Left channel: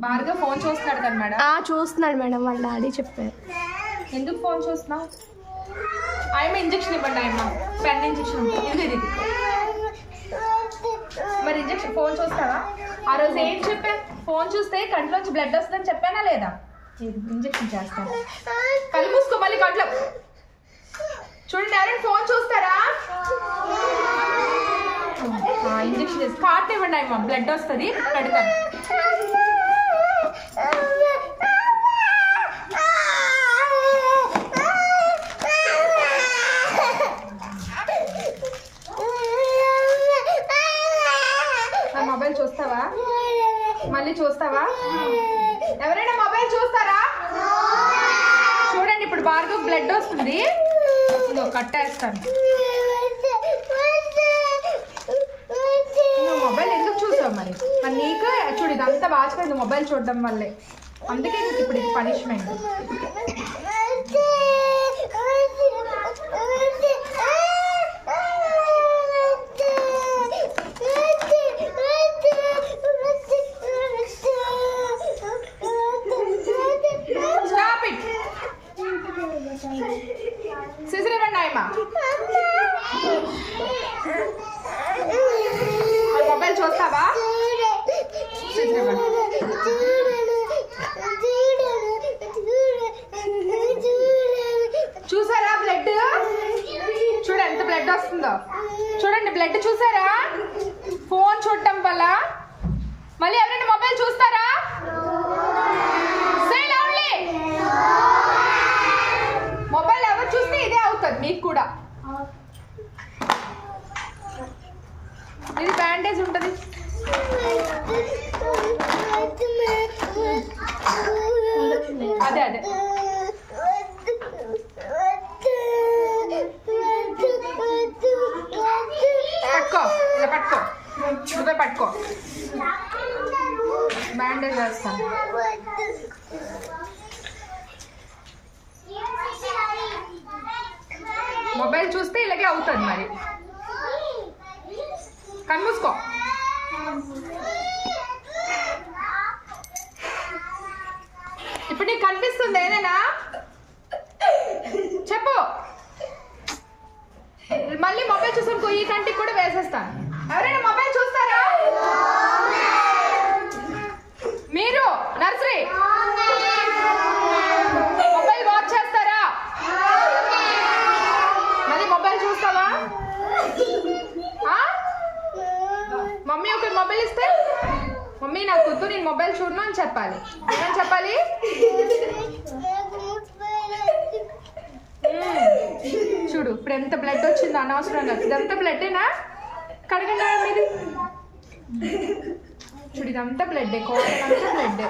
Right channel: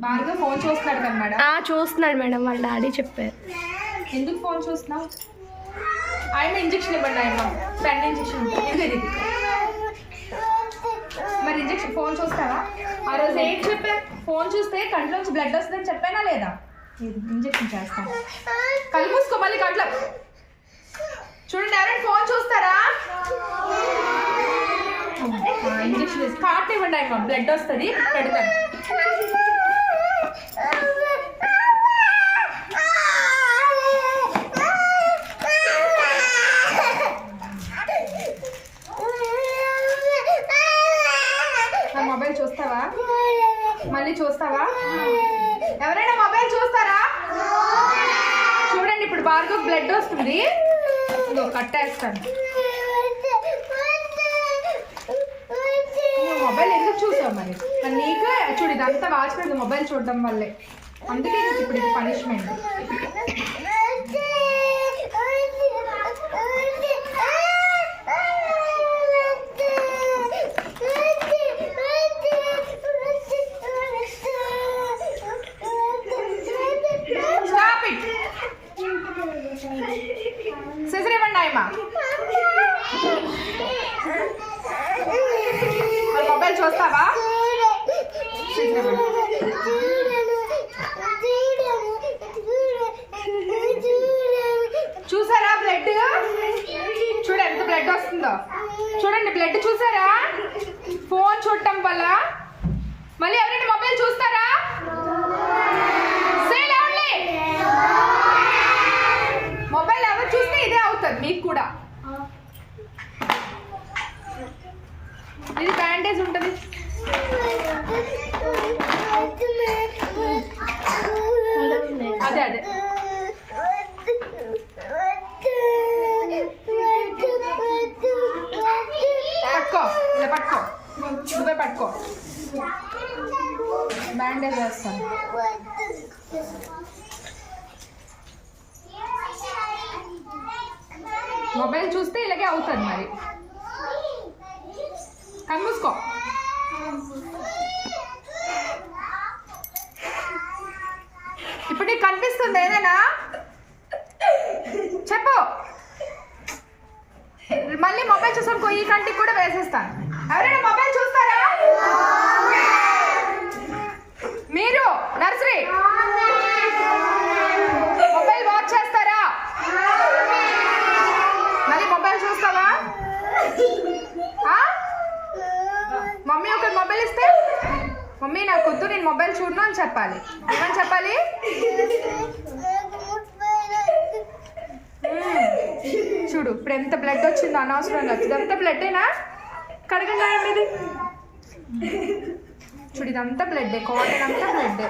Bhargav phone చూస్తున్నాడు కదా madam. చూస్తున్నాడు మేడం, వాళ్ళ డాడీ చెప్పారు. ఎందుకు ఫోన్ చూస్తున్నావు? ఆయమ్మ ఇంజక్షన్ ఇవ్వండి. ఆయమ్మ పెన్ ఇంజక్షన్ ఉంటుంది. మరి ఇంజక్షన్ ఫోన్ చూస్తావా? ఆ రోజు ఏంటి చెప్పా? ఫోన్ చూస్తే కంట్లోంచి బ్లడ్ వస్తుందని చెప్పానా లేదా? ఇంజక్షన్ చేస్తాను. కళ్ళు మూసుకో మళ్ళీ కంట్లో. చూడండి, ఎవరైనా ఫోన్ చూస్తారా? ఇంజక్షన్ వేసి కాట్ ఇవ్వండి. ఆయమ్మ బ్లడ్ వస్తుంది, పెడతాను. మొబైల్ చూస్తావా? మళ్ళీ చూస్తావా? ఎవరైనా మొబైల్ చూస్తారా? చూడండి, ఇప్పుడు భార్గవ్ బ్లడ్ వస్తుంది, కట్టేస్తాను. మొబైల్ ఎందుకు చూసావు మరి? నీకు చూడు, ఇదంతా వాచిపోయింది మొబైల్ చూడడం వల్లే. అందుకే నీకు ఇప్పుడు ఇది పనిష్మెంట్. సిజర్ ఇవ్వండి ఆయమ్మా. మొబైల్ చూస్తావా? సిజర్ ఇవ్వండి. చూసారా బ్లడ్? చూడు ఎంత బ్లడ్ వస్తుందో. చూడండి బ్లడ్ చూసారా? ఫోన్ చూడటం వల్ల. మళ్ళీ ఎవరైనా మొబైల్ చూస్తారా? మొబైల్ ఎవరు చూస్తే ఇదే అవుతుంది మీకు కూడా. ఇది బ్యాండేజ్ ఉంటుంది. అదే అదే పట్టుకో, ఇలా పట్టుకో, నువ్వే పట్టుకో. బ్యాండేజ్ వేస్తాను. మొబైల్ చూస్తే ఇలాగే అవుతుంది మరి. కన్మూసుకో. ఇప్పుడు నీకు కనిపిస్తుంది ఏదైనా? చెప్పు. మళ్ళీ మొబైల్ చూసాను, ఈ కంటికి కూడా వేసేస్తాను. ఎవరైనా మొబైల్ చూస్తారా? మీరు నర్సరీ మొబైల్ వాచ్ చేస్తారా? మళ్ళీ మొబైల్ చూస్తావా? మమ్మీ ఒక మొబైల్ ఇస్తే, మమ్మీ నాకు వద్దు, నేను మొబైల్ చూడను అని చెప్పాలి. ఏమని చెప్పాలి? చూడు ఇప్పుడు ఎంత బ్లడ్ వచ్చిందో అనవసరంగా. ఇదంతా బ్లడ్డేనా? కడగండి ఇది. చూడు ఇదంతా బ్లడ్డే, కాటన్ అంతా బ్లడ్డే.